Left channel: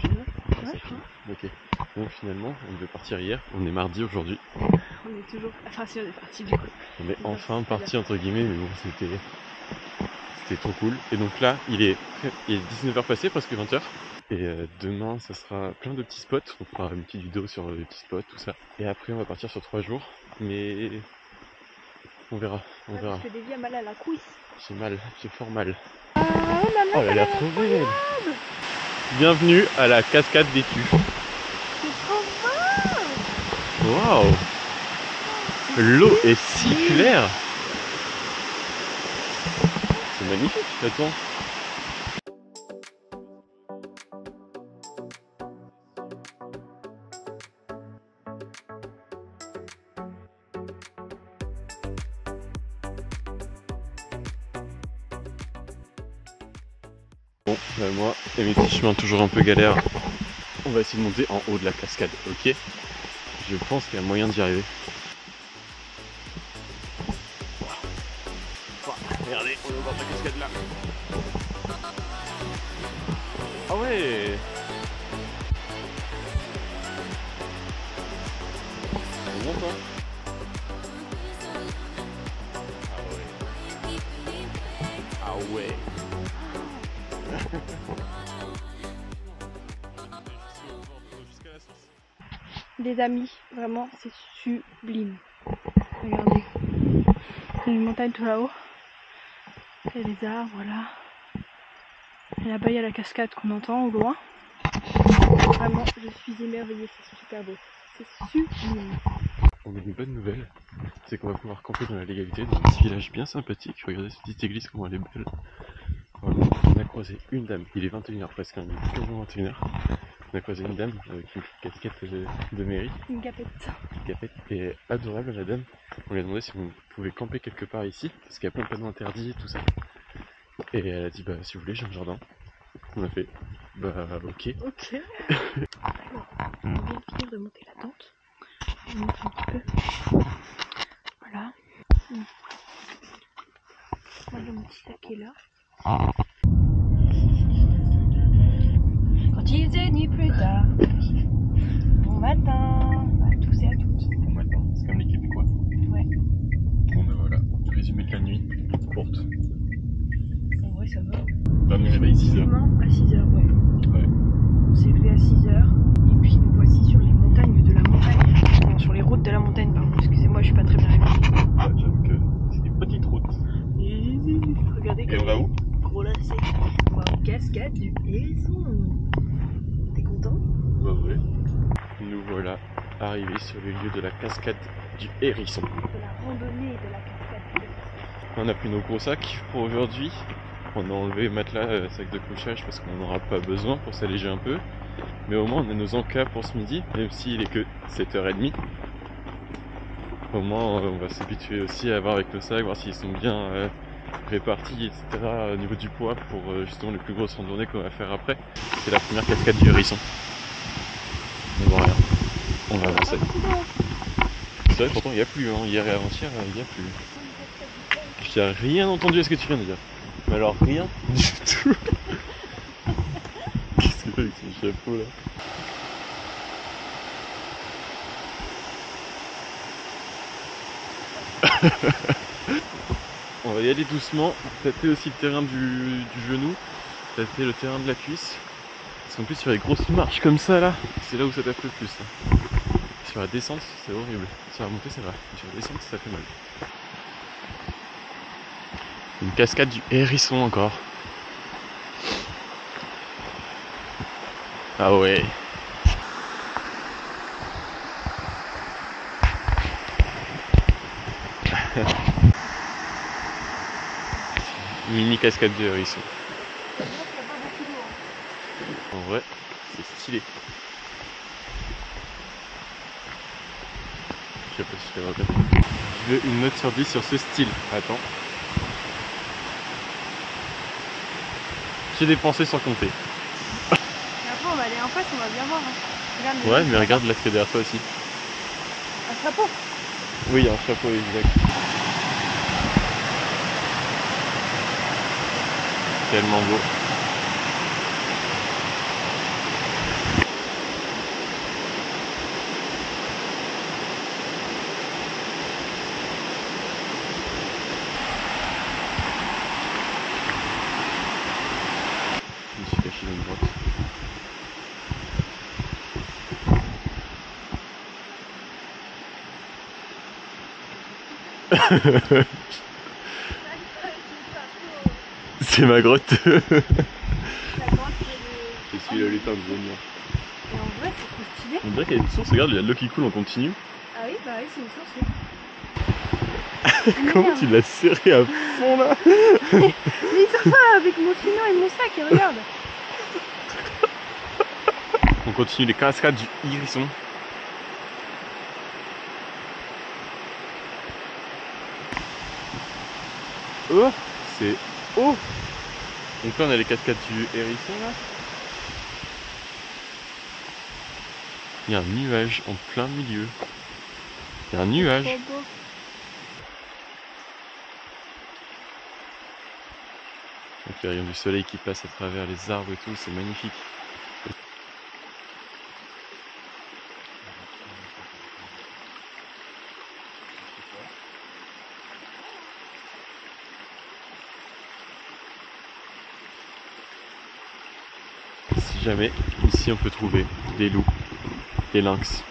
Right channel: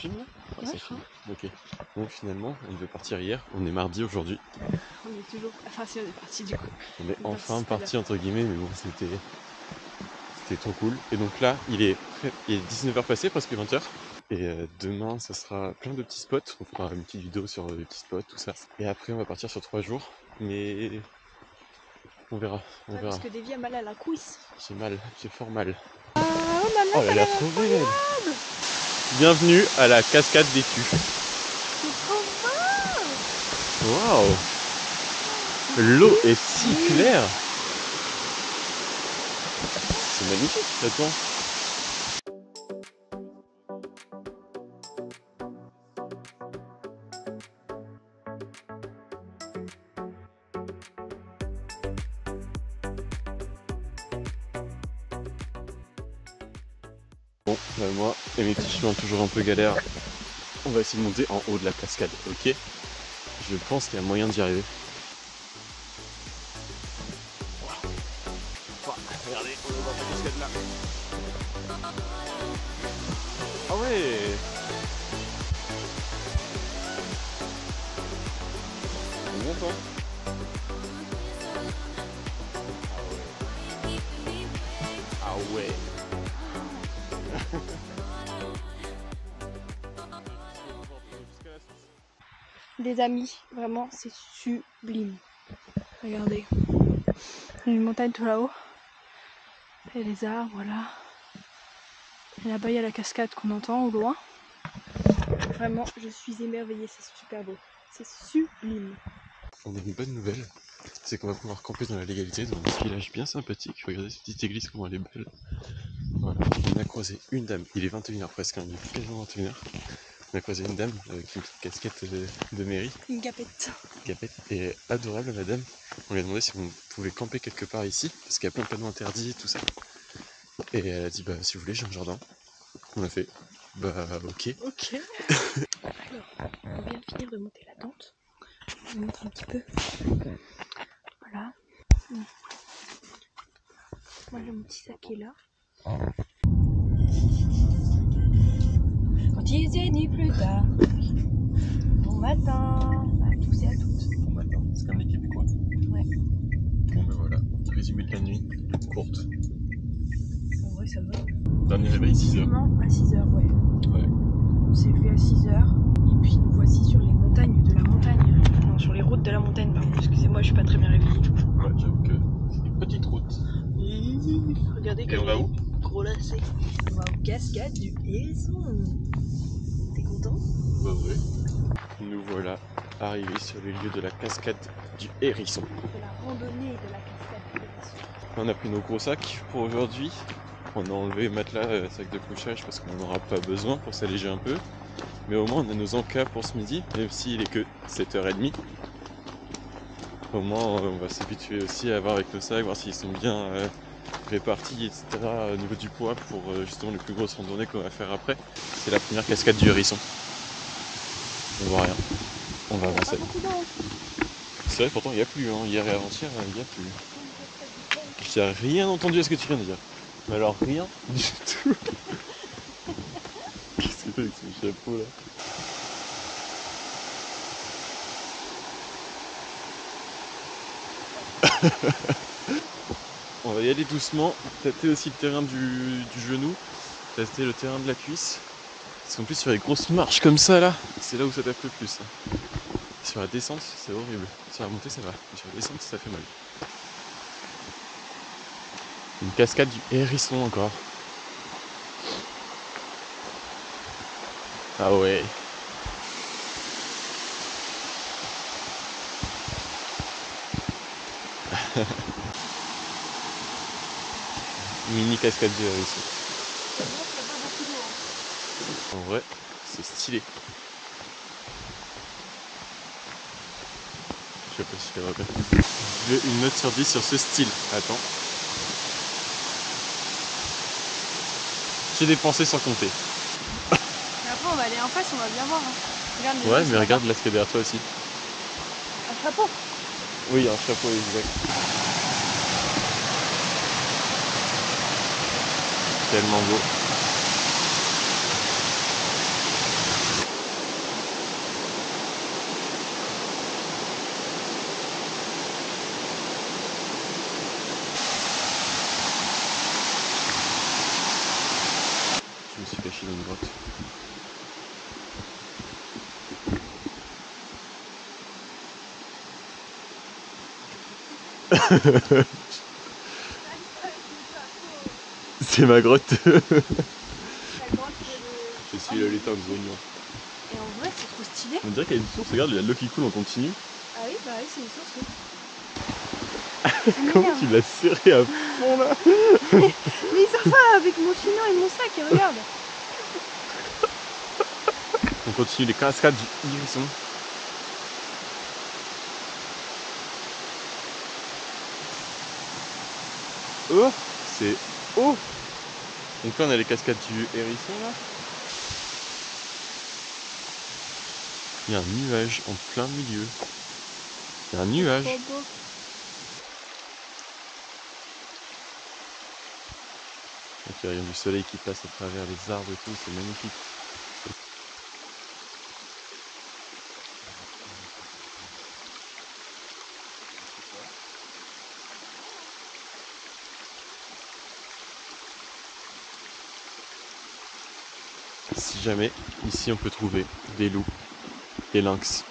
filme là? Ah, Ouais, ça filme. Ok. Bon, finalement, on devait partir hier. On est mardi aujourd'hui. on est toujours. Enfin, si on est parti du coup. On est enfin parti entre guillemets, mais bon, c'était trop cool. Et donc là, il est 19h passé, presque 20h. Et demain, ça sera plein de petits spots. On fera une petite vidéo sur les petits spots, tout ça. Et après, on va partir sur 3 jours. Mais on verra, on verra. Parce que Davy a mal à la cuisse. J'ai mal, j'ai fort mal. Ah, oh là là, Oh, elle a l'air trop belle. Bienvenue à la cascade des Tues. c'est trop beau. Waouh! L'eau est si claire! C'est magnifique, attends. Bon, bah moi et mes petits chemins toujours un peu galères, on va essayer de monter en haut de la cascade, ok? Je pense qu'il y a moyen d'y arriver. Regardez, on est au bord de la cascade là. Ah ouais! C'est bon toi? Ah ouais! Ah ouais! Des amis, vraiment, c'est sublime. Regardez. Il y a une montagne tout là-haut. Et les arbres, voilà. Et là-bas, il y a la cascade qu'on entend au loin. Vraiment, je suis émerveillée, c'est super beau. C'est sublime. On a une bonne nouvelle, c'est qu'on va pouvoir camper dans la légalité dans un petit village bien sympathique. Regardez cette petite église, comment elle est belle. Voilà. On a croisé une dame, il est 21h presque, hein, il est quasiment 21h. On a croisé une dame avec une petite casquette de mairie. Une gapette. Une capette. Et adorable la dame. On lui a demandé si on pouvait camper quelque part ici, parce qu'il y a plein de panneaux interdits, tout ça. Et elle a dit bah si vous voulez j'ai un jardin. On a fait bah ok. Ok. Alors, on vient de finir de monter la tente. Je vous montre un petit peu. Voilà. Moi j'ai mon petit sac qui est là. Quand il est ni plus tard. Bon matin à tous et à toutes. Bon matin, c'est comme les Québécois. Ouais. Bon ben voilà, résumé de la nuit, courte. En vrai ça va. Dernier réveil 6h. À 6h, ouais. Ouais. On s'est levé à 6h. Et puis nous voici sur les montagnes de la montagne. Non, sur les routes de la montagne, pardon. Excusez-moi, je suis pas très bien réveillée. Ouais, j'avoue que c'est une petite route. Regardez Et on va où? Gros lacet. On va aux cascades du Hérisson. T'es content? Bah ouais. Nous voilà arrivés sur les lieux de la cascade du Hérisson. De la randonnée de la cascade du Hérisson. On a pris nos gros sacs pour aujourd'hui. On a enlevé matelas, sac de couchage parce qu'on n'en aura pas besoin pour s'alléger un peu. Mais au moins on a nos encas pour ce midi, même s'il est que 7h30. Au moins on va s'habituer aussi à voir avec nos sacs, voir s'ils sont bien répartis, etc. au niveau du poids pour justement les plus grosses randonnées qu'on va faire après. C'est la première cascade du Hérisson. On voit rien. On va avancer. C'est vrai, pourtant il n'y a plus, hein. Hier et avant-hier, il n'y a plus. Je n'ai rien entendu à ce que tu viens de dire. Mais alors rien du tout. Qu'est-ce qu'il fait avec son chapeau là? On va y aller doucement, tâter aussi le terrain du genou, tâter le terrain de la cuisse. Parce qu'en plus sur les grosses marches comme ça là, c'est là où ça tape le plus. Sur la descente c'est horrible, sur la montée ça va, sur la descente ça fait mal. Une cascade du Hérisson encore. Ah ouais. Mini cascade du Hérisson. En vrai, c'est stylé. Je sais pas si je l'ai repris. Je veux une note sur 10 sur ce style. Attends. J'ai dépensé sans compter. Et après on va aller en face, on va bien voir. Hein. Regarde, Ouais, mais regarde là ce qu'il y a derrière toi aussi. un chapeau. Oui, un chapeau exact. Tellement beau. suis caché dans une grotte. C'est ma grotte. La grotte Je suis le lutin de Zognon. Et en vrai, c'est trop stylé. On dirait qu'il y a une source, regarde, il y a de l'eau qui coule, on continue. Ah oui, bah oui, c'est une source. Oui. Comment tu l'as serré à fond là? Mais il sort pas avec mon chignon et mon sac, et regarde. On continue les cascades du Hérisson. Oh, c'est haut. Donc là on a les cascades du Hérisson là. Il y a un nuage en plein milieu. Il y a un nuage. Trop beau. Donc il y a rien du soleil qui passe à travers les arbres et tout, c'est magnifique. Si jamais ici on peut trouver des loups, des lynx,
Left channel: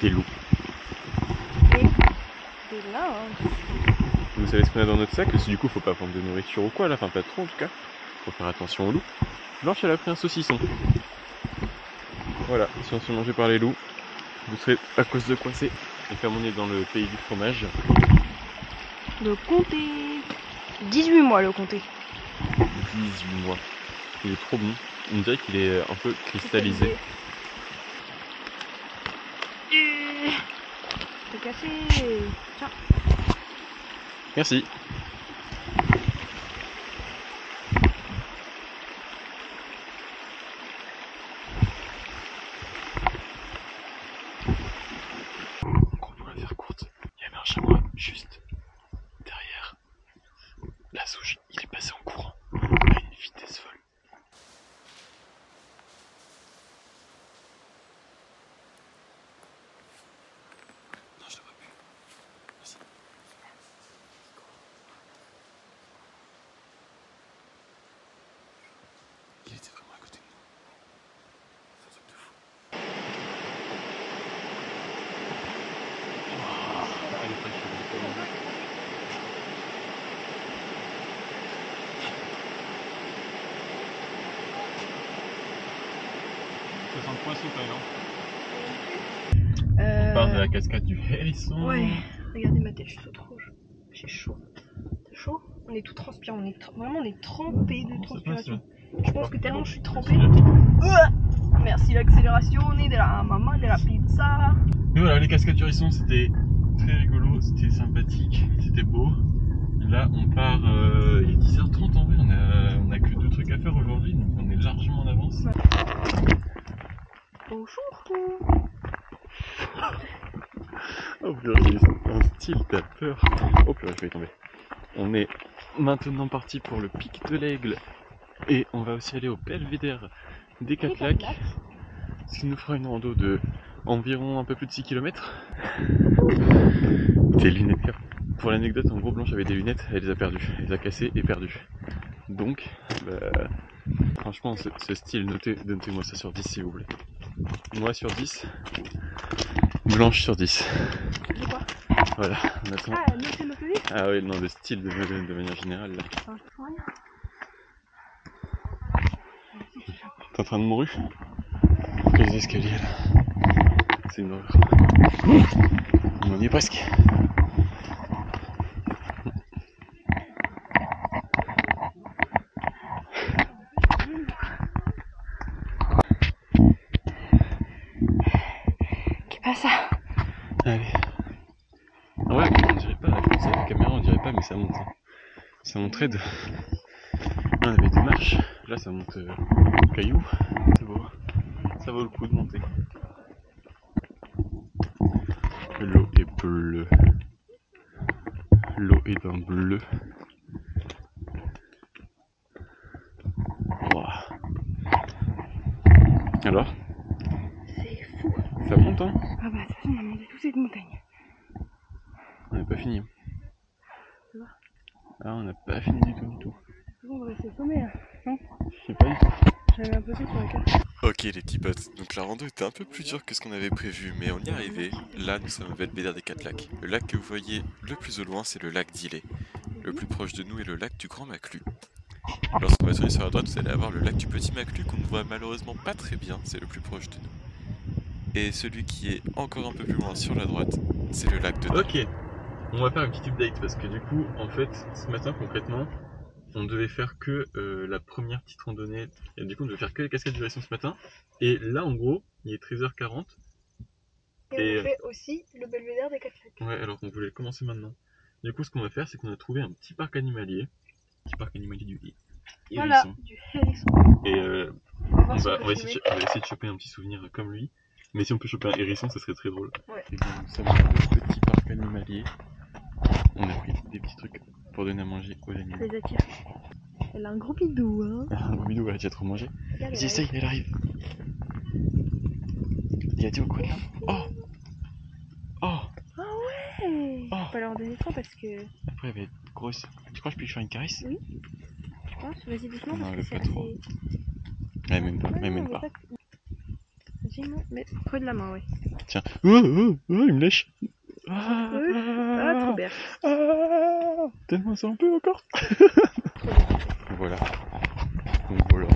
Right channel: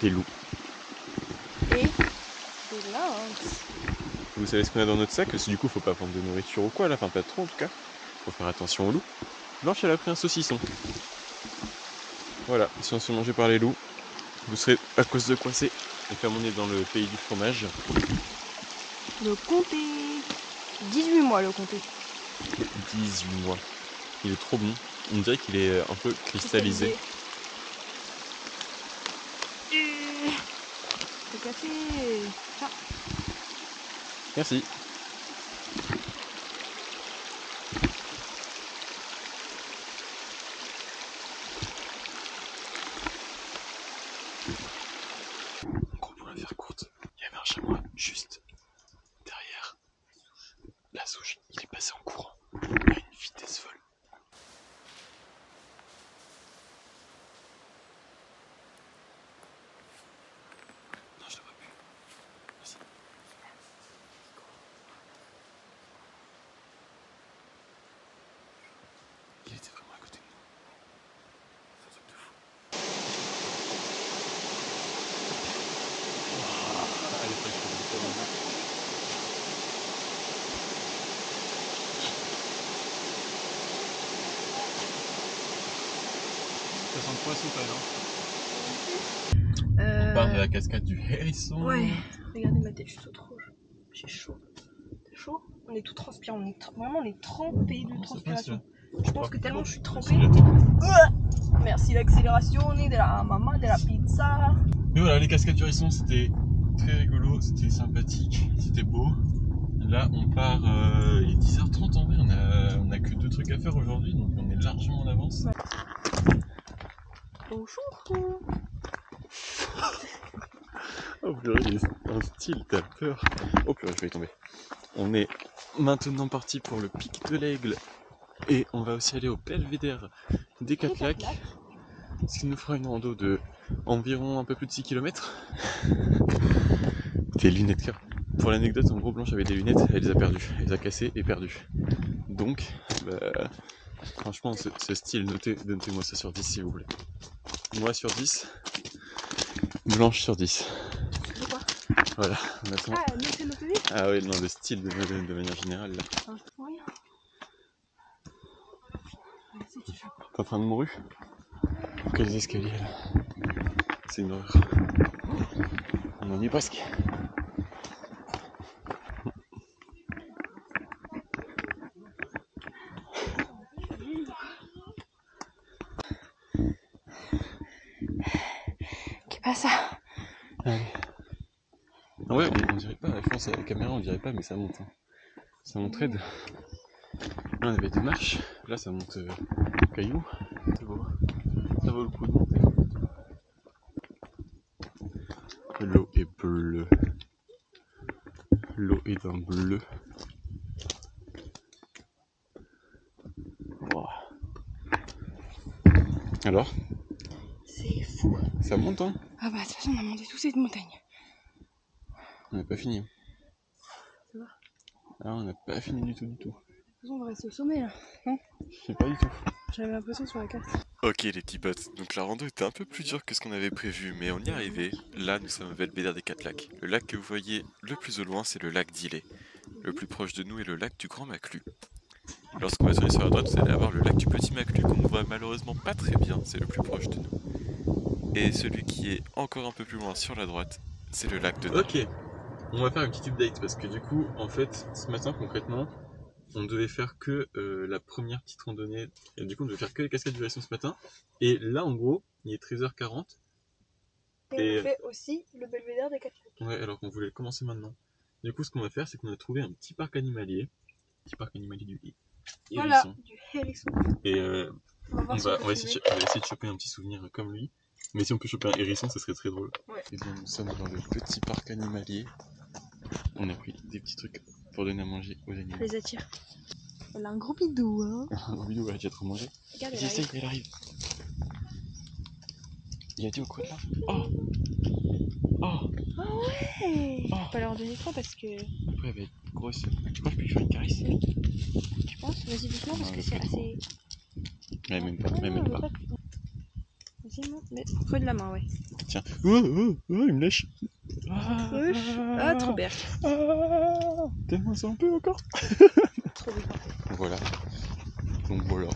des loups. Et des lynx. Vous savez ce qu'on a dans notre sac? Parce que du coup faut pas prendre de nourriture ou quoi là, enfin pas trop en tout cas. Faut faire attention aux loups. Blanche elle a pris un saucisson. Voilà, si on se fait manger par les loups, vous serez à cause de coincé. Et comme on est dans le pays du fromage. Le comté. 18 mois le comté. 18 mois. Il est trop bon. On dirait qu'il est un peu cristallisé. Le café. Tiens. Merci. Gros, pour la faire courte, il y avait un chamois juste derrière la souche. Il est passé en courant à une vitesse folle. Non, je te vois plus. Vas-y. Il était vraiment à côté de nous. C'est un truc de fou. Wow. Elle est fraîche. Ça sent le poisson quand même. On part de la cascade du Hérisson. Ouais, regardez ma tête, je suis toute rouge. J'ai chaud. T'as chaud? On est tout transpirant, vraiment on est trempé de transpiration. Je pense que tellement je suis trempée. Merci l'accélération, de la maman, de la pizza. Mais voilà, les cascades du Hérisson c'était très rigolo, c'était sympathique, c'était beau. Là on part, il est 10h30 en vrai, on a que 2 trucs à faire aujourd'hui, donc on est largement en avance. Ouais. Bonjour. Oh purée, il est un style, t'as peur. Oh purée, je vais y tomber. On est maintenant parti pour le pic de l'Aigle. Et on va aussi aller au belvédère des 4 lacs. Ce qui nous fera une rando de environ un peu plus de 6 km. Des lunettes car. Pour l'anecdote, en gros, Blanche avait des lunettes, elle les a perdues. Elle les a cassées et perdues. Donc, franchement, ce style, notez-moi ça sur 10 s'il vous plaît. Moi sur 10, Blanche sur 10. C'est quoi? Voilà, on attend. Ah, notez. Ah oui, non, le style de manière générale là. Ça marche pour rien. T'es en train de mourir? Quels escaliers là? C'est une horreur. On en est presque. Qu'est-ce pas ça? Allez. En vrai, on dirait pas, à France, à la caméra, on dirait pas, mais ça monte. Hein. Ça monterait de. Là, on avait des marches, là ça monte caillou. C'est beau. Ça vaut le coup de monter. L'eau est bleue. L'eau est d'un bleu. Wow. Alors? C'est fou. Ça monte hein? Ah bah de toute façon on a monté toute cette montagne. On n'a pas fini. Ça va? Ah, on n'a pas fini du tout. On l'impression de rester au sommet là, non? Je sais pas du tout. J'avais l'impression sur la carte. Ok les petits potes, donc la rando était un peu plus dure que ce qu'on avait prévu, mais on y est arrivé. Là nous sommes au Belvédère des 4 lacs. Le lac que vous voyez le plus au loin c'est le lac d'Illet. Le plus proche de nous est le lac du Grand Maclou. Lorsqu'on va tourner sur la droite vous allez avoir le lac du Petit Maclou qu'on ne voit malheureusement pas très bien, c'est le plus proche de nous. Et celui qui est encore un peu plus loin sur la droite, c'est le lac de Nord. Ok, on va faire une petite update parce que du coup en fait ce matin concrètement on devait faire que la première petite randonnée, et du coup on devait faire que les cascades du Hérisson ce matin, et là en gros il est 13h40. Et on fait aussi le Belvédère des 4 lacs. Ouais, alors qu'on voulait commencer maintenant. Du coup ce qu'on va faire c'est qu'on a trouvé un petit parc animalier du Hérisson. Voilà, du Hérisson. Et on va essayer de choper un petit souvenir comme lui, mais si on peut choper un hérisson ça serait très drôle. Ouais. Et bien nous sommes dans le petit parc animalier, on a pris des petits trucs pour donner à manger aux animaux. Je les attire. Elle a un gros bidou, hein. Un gros bidou, elle a déjà trop mangé. Vas-y, essaye, elle arrive. Il a été au coin de là. Oh. Oh. Ah ouais. Oh. Faut pas leur donner trop parce que... Après elle va être grosse. Tu crois que je peux lui faire une caresse? Oui. Tu penses? Vas-y doucement parce que c'est assez... Ouais, même pas, même pas. Vas-y, non, mais creux de la main, ouais. Tiens. Oh, il me lèche. Ah, trop bien. Tellement ça un peu encore. Trop bien. Voilà. Donc voilà.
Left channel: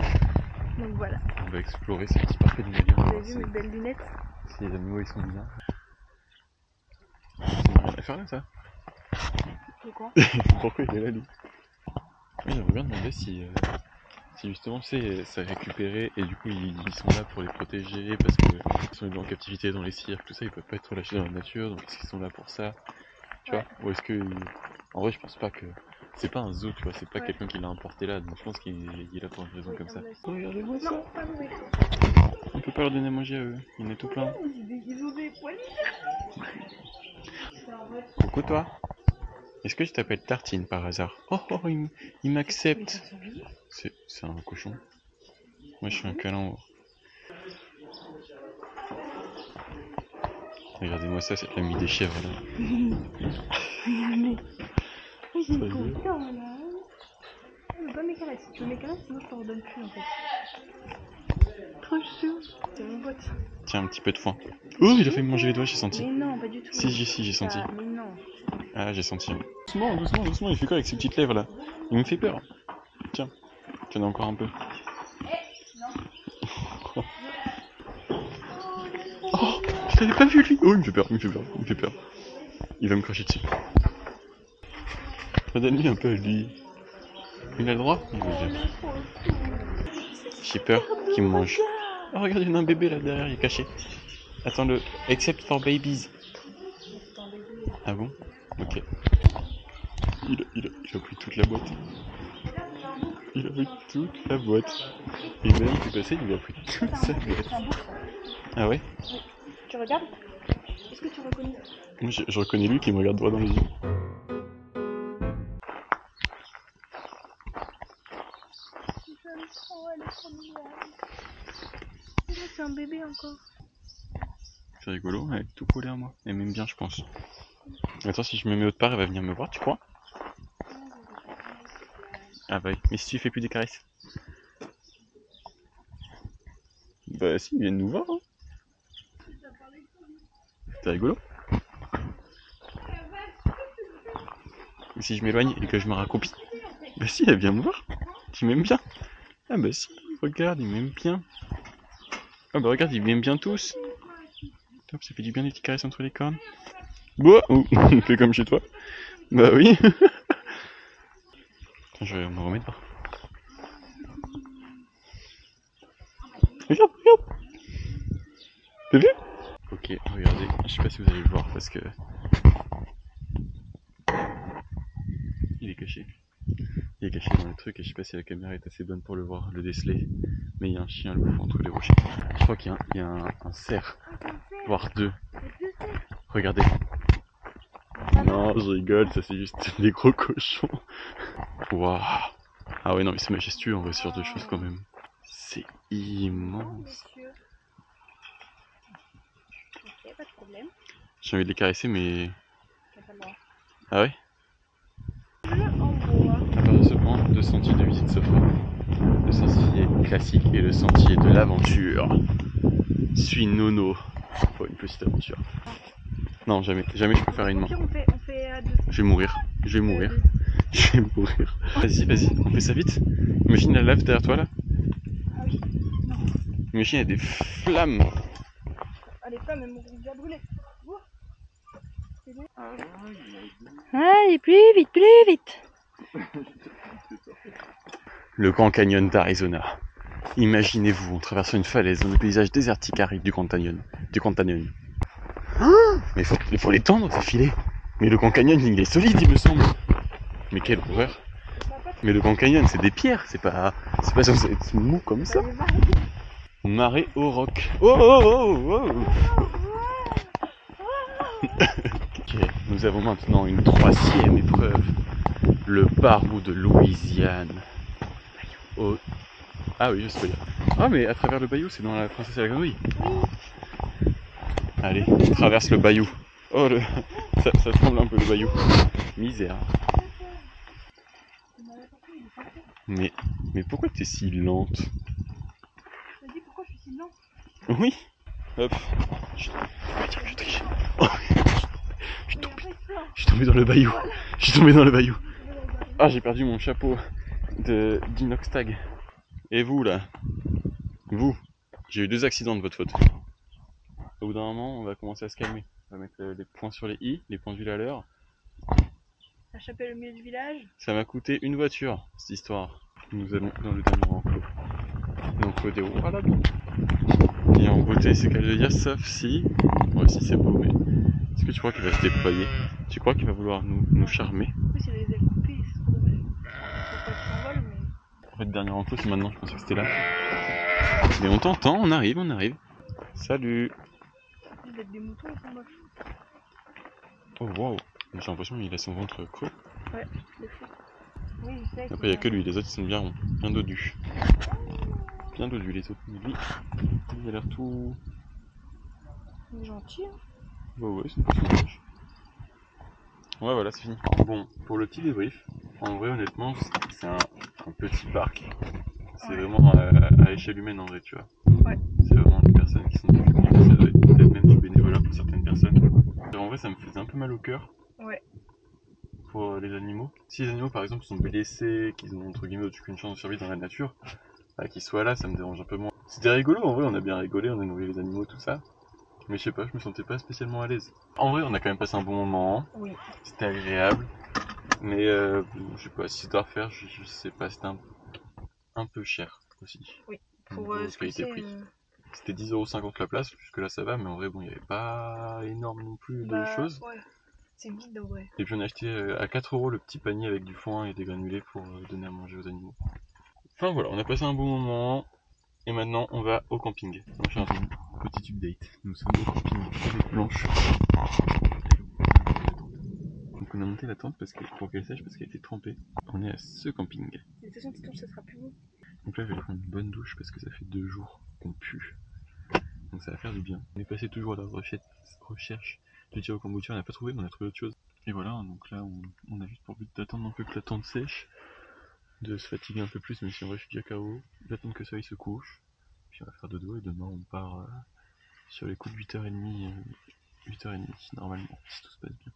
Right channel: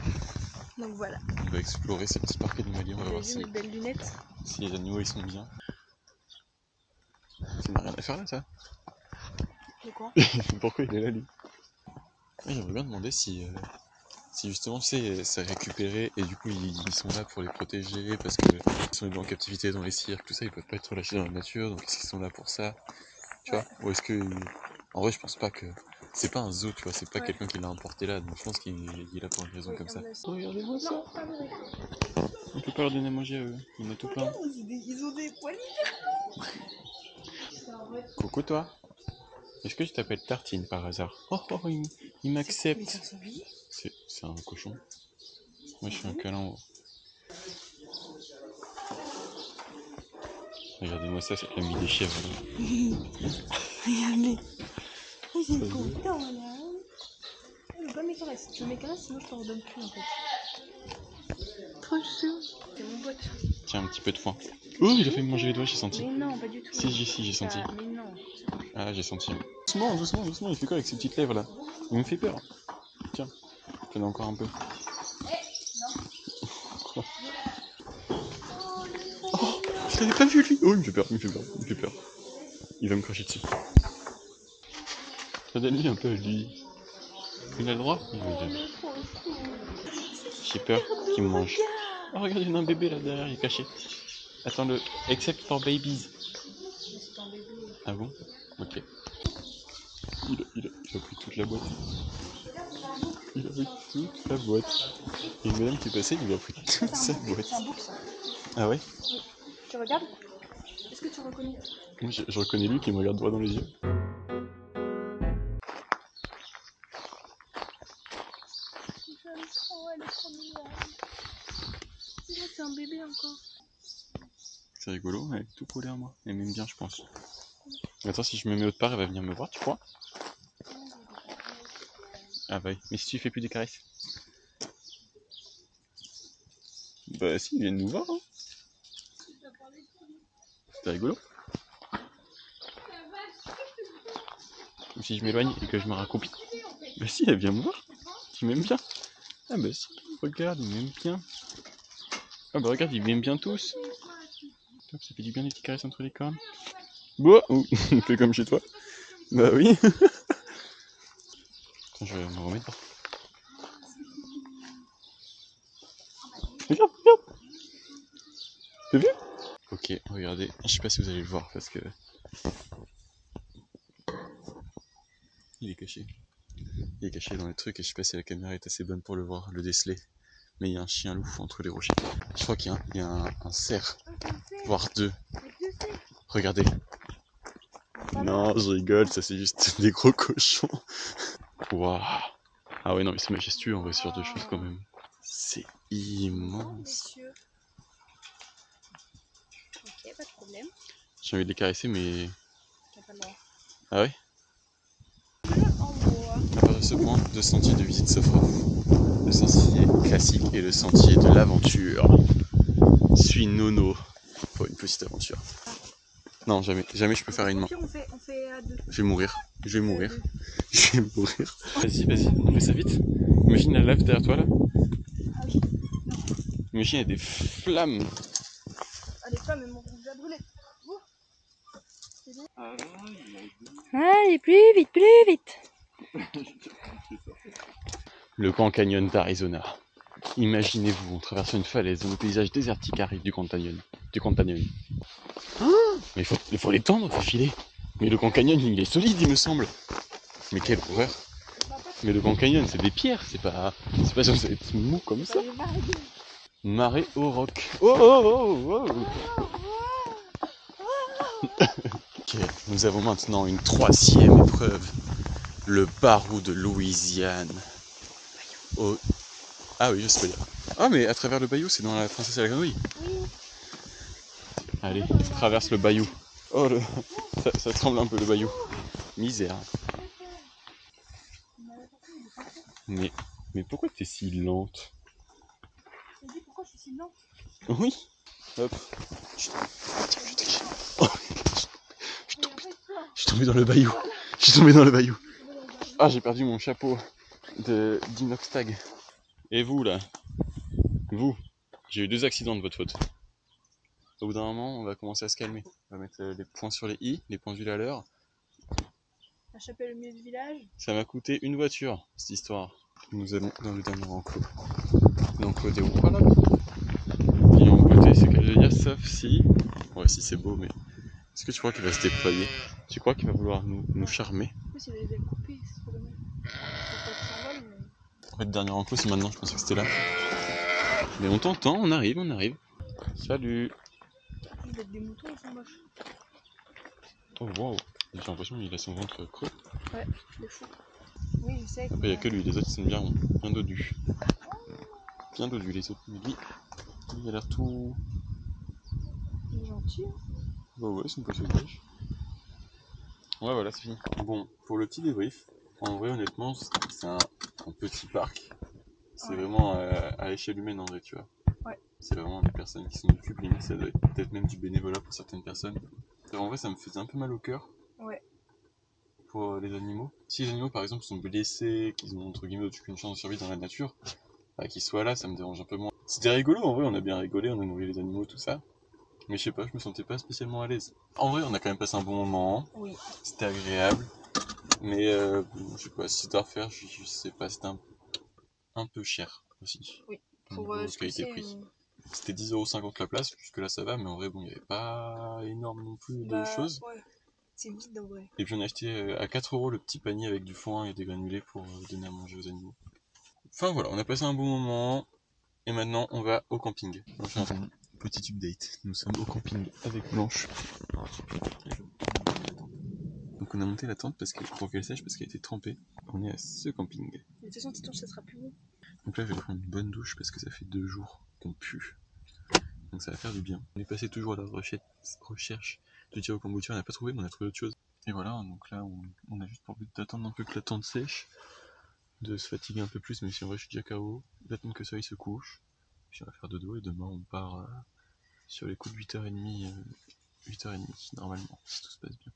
Donc voilà. On va explorer ce petit parc animalier. On va voir mes belles lunettes. Si les animaux ils sont bien. Ça n'a rien à faire là ça. De quoi? Pourquoi il est là lui? Oui, j'aimerais bien demander si justement c'est récupéré et du coup ils sont là pour les protéger parce que ils sont en captivité dans les cirques, tout ça, ils peuvent pas être relâchés dans la nature, donc est-ce qu'ils sont là pour ça? Tu vois? Ou est-ce que... En vrai je pense pas que... C'est pas un zoo, tu vois, c'est pas quelqu'un qui l'a importé là, donc je pense qu'il est là pour une raison comme ça. Regardez-moi ça! On peut pas leur donner à manger à eux, il y en a tout plein. Ils ont des poils. Coucou toi! Est-ce que tu t'appelles Tartine par hasard? Oh, il m'accepte! C'est un cochon. Moi je suis un câlin. Regardez-moi ça, c'est l'ami des chèvres là. Regardez. Oui, j'ai content là. Je veux pas mes caresses. Tu veux mes caresses, sinon je te redonne plus en fait. Trop chou. C'est mon pote. Tiens, un petit peu de foin. Oh, il a fait me manger les doigts, j'ai senti. Mais non, pas du tout. Si, j'ai senti. Ah, mais non. Ah, j'ai senti. Doucement, doucement, il fait quoi avec ses petites lèvres là? Il me fait peur. Tiens, t'en as encore un peu. Oh, je l'avais pas vu lui. Oh, il me fait peur. Il va me cracher dessus. Donne-lui un peu à lui. Il a le droit? Il veut bien. J'ai peur qu'il me mange. Oh, regarde, il y en a un bébé là derrière, il est caché. Attends-le. Except for babies. Ah bon? Ok. Il a pris toute la boîte. Il a pris toute la boîte. Et même qui est passé, il a pris toute sa boîte. C'est un bourse. Ah ouais? Oui. Tu regardes? Est-ce que tu reconnais? Moi je reconnais lui qui me regarde droit dans les yeux. C'est un bébé encore. C'est rigolo, elle est tout collée à moi. Elle m'aime bien, je pense. Attends, si je me mets autre part, elle va venir me voir, tu crois? Ah bah oui, mais si tu fais plus des caresses. Bah si, ils viennent nous voir. Hein. C'est rigolo. Et si je m'éloigne et que je me raccroupis? Bah si, elle vient me voir. Tu m'aimes bien. Ah bah si, regarde, il m'aime bien. Ah bah regarde, ils m'aiment bien tous. Top, ça fait du bien des petites caresses entre les cornes. Bon, on fait comme chez toi. Bah oui. Je vais me remettre. Regarde. T'as vu? Ok, regardez, je sais pas si vous allez le voir parce que... Il est caché. Il est caché dans le truc et je sais pas si la caméra est assez bonne pour le voir, le déceler. Mais il y a un chien loup entre les rochers. Je crois qu'il y a un cerf, voire deux. Regardez. Non, je rigole, ça c'est juste des gros cochons. Waouh. Ah ouais, non mais c'est majestueux, on va sur deux choses quand même. C'est immense. Ok, pas de problème. J'ai envie de les caresser mais... T'as pas le droit. Ah ouais? À partir de ce point, deux sentiers de visite s'offrent à vous. Le sentier classique et le sentier de l'aventure. Suis Nono pour une petite aventure. Non, jamais, jamais je peux faire une main. On fait à deux. Je vais mourir, je vais mourir, je vais mourir. Vas-y, vas-y, on fait ça vite. Imagine la lave derrière toi là. Ah oui, non. Imagine il y a des flammes. Ah, les flammes, elles m'ont déjà brûlé. Allez, plus vite, plus vite. Le Grand Canyon d'Arizona. Imaginez-vous en traversant une falaise dans le paysage désertique aride du Grand Canyon. Mais il faut les tendre ces filets. Mais le Grand Canyon il est solide il me semble. Mais quelle horreur. Mais le Grand Canyon c'est des pierres, c'est pas censé être mou comme ça. Marée au roc. Oh oh oh oh. Ok, nous avons maintenant une troisième épreuve. Le barreau de Louisiane. Oh. Ah oui, je sais pas dire. Ah mais à travers le bayou, c'est dans la Princesse et la Grenouille. Allez, je traverse le bayou. Oh, ça tremble un peu le bayou. Misère. Mais pourquoi t'es si lente? Je me dis pourquoi je suis si lente. Oui. Hop. Je triche. Oh. Je suis tombé dans le bayou. Je suis tombé dans le bayou. Ah, j'ai perdu mon chapeau d'inoxtag. Et vous là? Vous? J'ai eu 2 accidents de votre faute. Au bout d'un moment, on va commencer à se calmer. On va mettre les points sur les i, les points à l'heure. La chapelle au milieu du village. Ça m'a coûté une voiture, cette histoire. Nous allons dans le dernier enclos. L'enclos des Wallabies. Et en beauté, c'est qu'à le dire, sauf si... Ouais, si c'est beau, mais... Est-ce que tu crois qu'il va se déployer? Tu crois qu'il va vouloir nous charmer? En plus, il a les ailes coupées, c'est trop dommage. Faut pas qu'il s'envole, mais... En fait, le dernier enclos, c'est maintenant, je pensais que c'était là. Mais on t'entend, on arrive, on arrive. Salut. En plus d'être des moutons, ils sont moches. Oh waouh, j'ai l'impression qu'il a son ventre creux. Ouais, c'est fou. Oui, je sais. Après, il n'y a que lui, les autres sont bien ronds, bien dodus. Bien dodus les autres. Lui, il a l'air tout... Il est gentil, hein. Bah ouais, c'est une poisson pêche. Ouais, voilà, c'est fini. Bon, pour le petit débrief, en vrai, honnêtement, c'est un petit parc. C'est vraiment à l'échelle humaine en vrai, tu vois. Ouais. C'est vraiment des personnes qui sont du public, ça doit être peut-être même du bénévolat pour certaines personnes. En vrai, ça me faisait un peu mal au cœur. Ouais. Pour les animaux. Si les animaux, par exemple, sont blessés, qu'ils ont entre guillemets aucune chance de survie dans la nature, bah, qu'ils soient là, ça me dérange un peu moins. C'était rigolo, en vrai, on a bien rigolé, on a nourri les animaux, tout ça. Mais je sais pas, je me sentais pas spécialement à l'aise. En vrai, on a quand même passé un bon moment. Oui. C'était agréable. Mais je sais pas, si c'était à refaire, je sais pas, c'était un peu cher aussi. Oui. Pour ce que c'est... qualité-prix. C'était 10,50€ la place, jusque là ça va, mais en vrai, bon, il n'y avait pas énorme non plus de choses. Ouais, c'est vide en vrai. Et puis on a acheté à 4€ le petit panier avec du foin et des granulés pour donner à manger aux animaux. Enfin voilà, on a passé un bon moment. Et maintenant, on va au camping. On va faire un petit update. Nous sommes au camping avec Blanche. Donc on a monté la tente pour qu'elle sèche parce qu'elle était trempée. On est à ce camping. De toute façon, Titon, ça sera plus bon. Donc là, je vais prendre une bonne douche parce que ça fait 2 jours qu'on pue. Donc ça va faire du bien. On est passé toujours à la recherche de tir au kombucha. On n'a pas trouvé, mais on a trouvé autre chose. Et voilà, donc là, on a juste pour but d'attendre un peu que la tente sèche, de se fatiguer un peu plus, même si en vrai je suis déjà KO, d'attendre que le soleil se couche. Puis on va faire dodo et demain on part sur les coups de 8h30, 8h30 normalement, si tout se passe bien.